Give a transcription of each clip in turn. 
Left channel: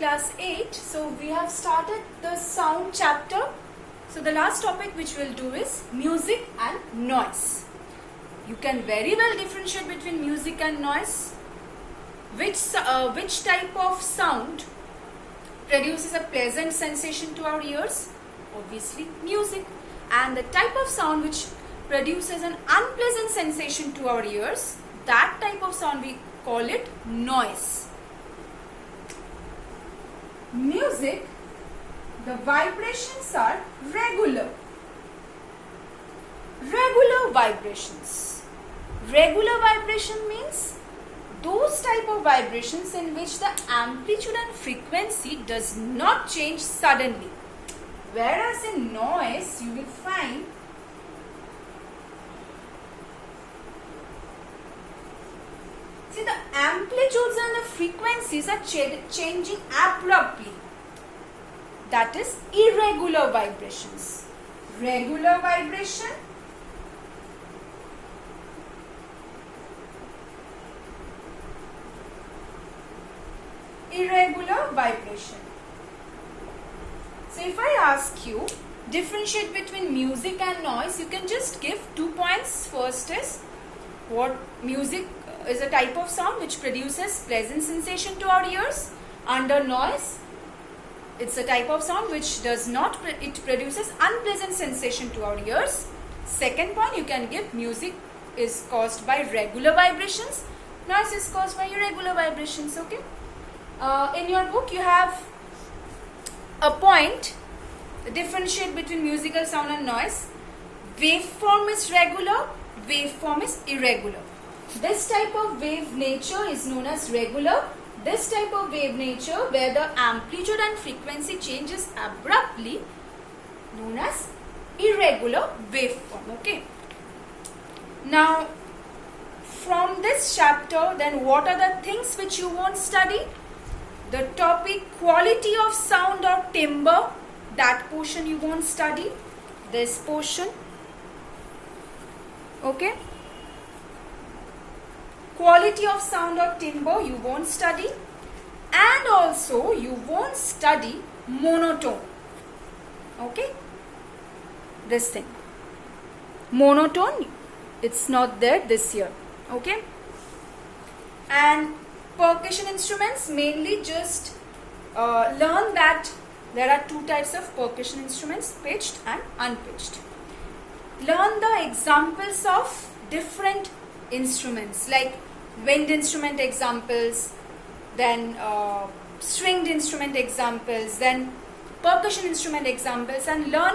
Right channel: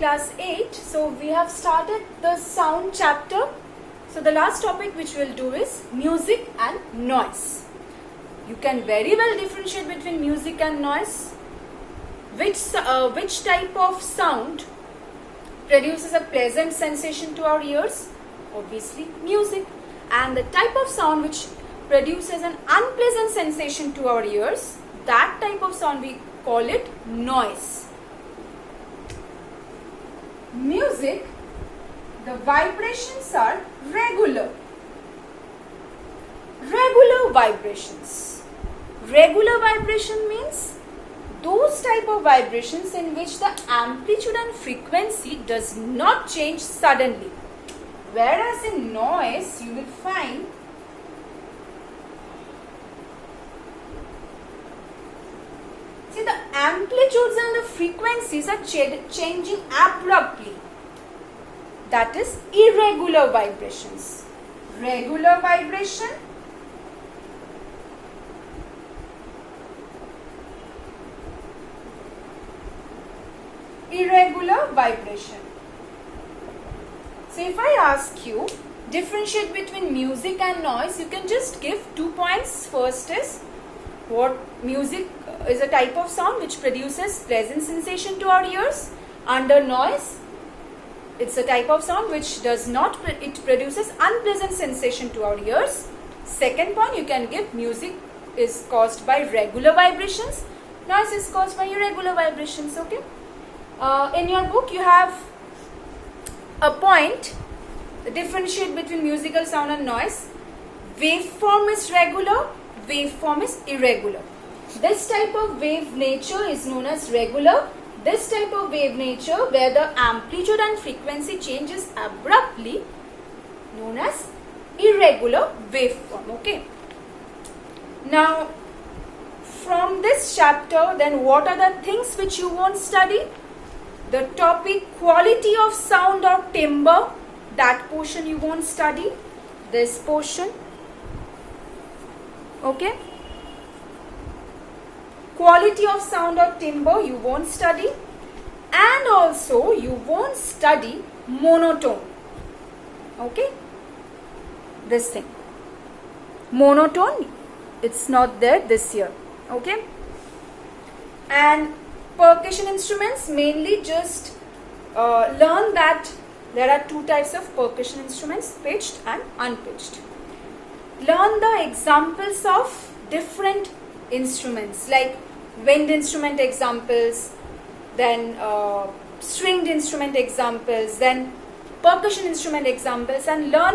class 8. So we have started the sound chapter. So the last topic which we'll do is music and noise. You can very well differentiate between music and noise. Which type of sound produces a pleasant sensation to our ears? Obviously music. And the type of sound which produces an unpleasant sensation to our ears, that type of sound we call it noise. Music, the vibrations are regular. Regular vibrations. Regular vibration means those type of vibrations in which the amplitude and frequency does not change suddenly. Whereas in noise, you will find the amplitudes and the frequencies are changing abruptly. That is irregular vibrations. Regular vibration, irregular vibration. So if I ask you differentiate between music and noise, you can just give 2 points. First is what music is a type of sound which produces pleasant sensation to our ears. Under noise, it's a type of sound which does not, it produces unpleasant sensation to our ears. Second point you can give, music is caused by regular vibrations, noise is caused by irregular vibrations. Okay. In your book you have a point, differentiate between musical sound and noise. Waveform is regular, waveform is irregular. This type of wave nature is known as regular. This type of wave nature where the amplitude and frequency changes abruptly, known as irregular waveform. Okay. Now, from this chapter, then what are the things which you won't study? The topic quality of sound or timbre, that portion you won't study. This portion. Okay. Quality of sound or timbre you won't study, and also you won't study monotone. Okay, this thing, monotone, it's not there this year. Okay, and percussion instruments, mainly just learn that there are two types of percussion instruments, pitched and unpitched. Learn the examples of different instruments like wind instrument examples, then stringed instrument examples, then percussion instrument examples, and learn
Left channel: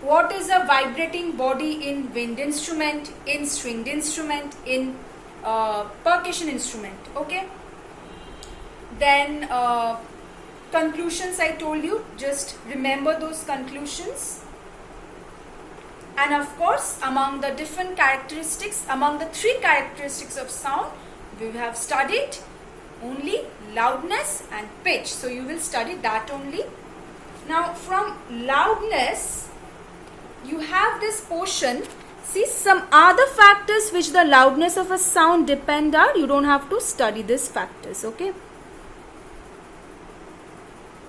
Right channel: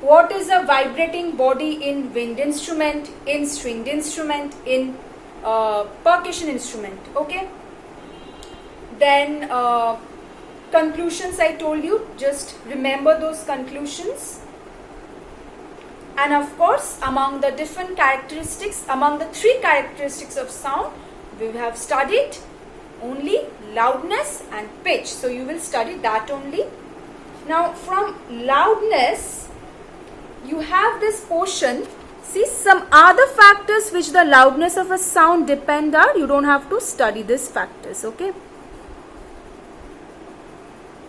what is a vibrating body in wind instrument, in stringed instrument, in percussion instrument. Okay. Then conclusions I told you, just remember those conclusions. And of course, among the different characteristics, among the 3 characteristics of sound, we have studied only loudness and pitch. So you will study that only. Now from loudness, you have this portion. See, some other factors which the loudness of a sound depend on, you don't have to study these factors. Okay.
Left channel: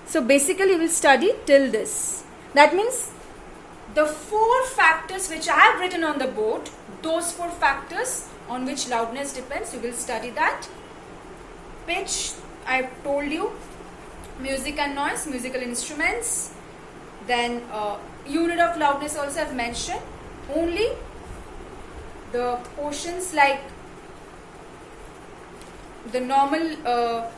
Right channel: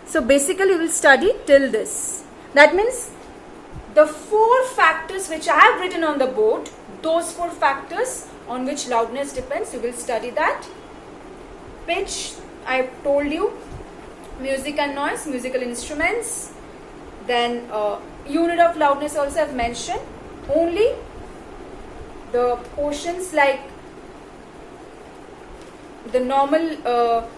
So basically we will study till this. That means the 4 factors which I have written on the board, those 4 factors on which loudness depends, you will study that. Pitch, I have told you, music and noise, musical instruments. Then unit of loudness also I have mentioned. Only the portions like the normal,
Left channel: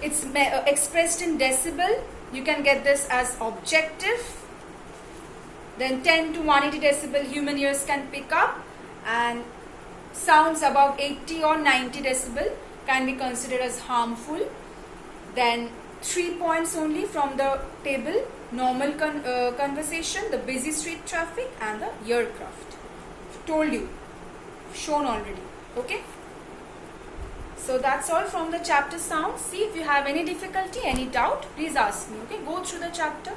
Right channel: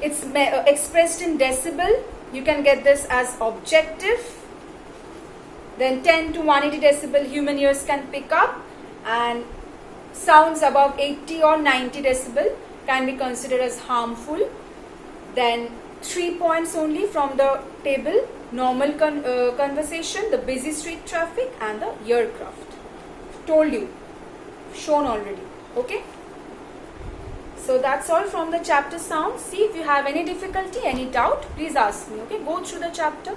it's expressed in decibel, you can get this as objective. Then 10 to 180 decibel human ears can pick up, and sounds above 80 or 90 decibel can be considered as harmful. Then 3 points only from the table: normal conversation, the busy street traffic, and the aircraft. Told you, shown already. Okay. So that's all from the chapter sound. See, if you have any difficulty, any doubt, please ask me. Okay, go through the chapter.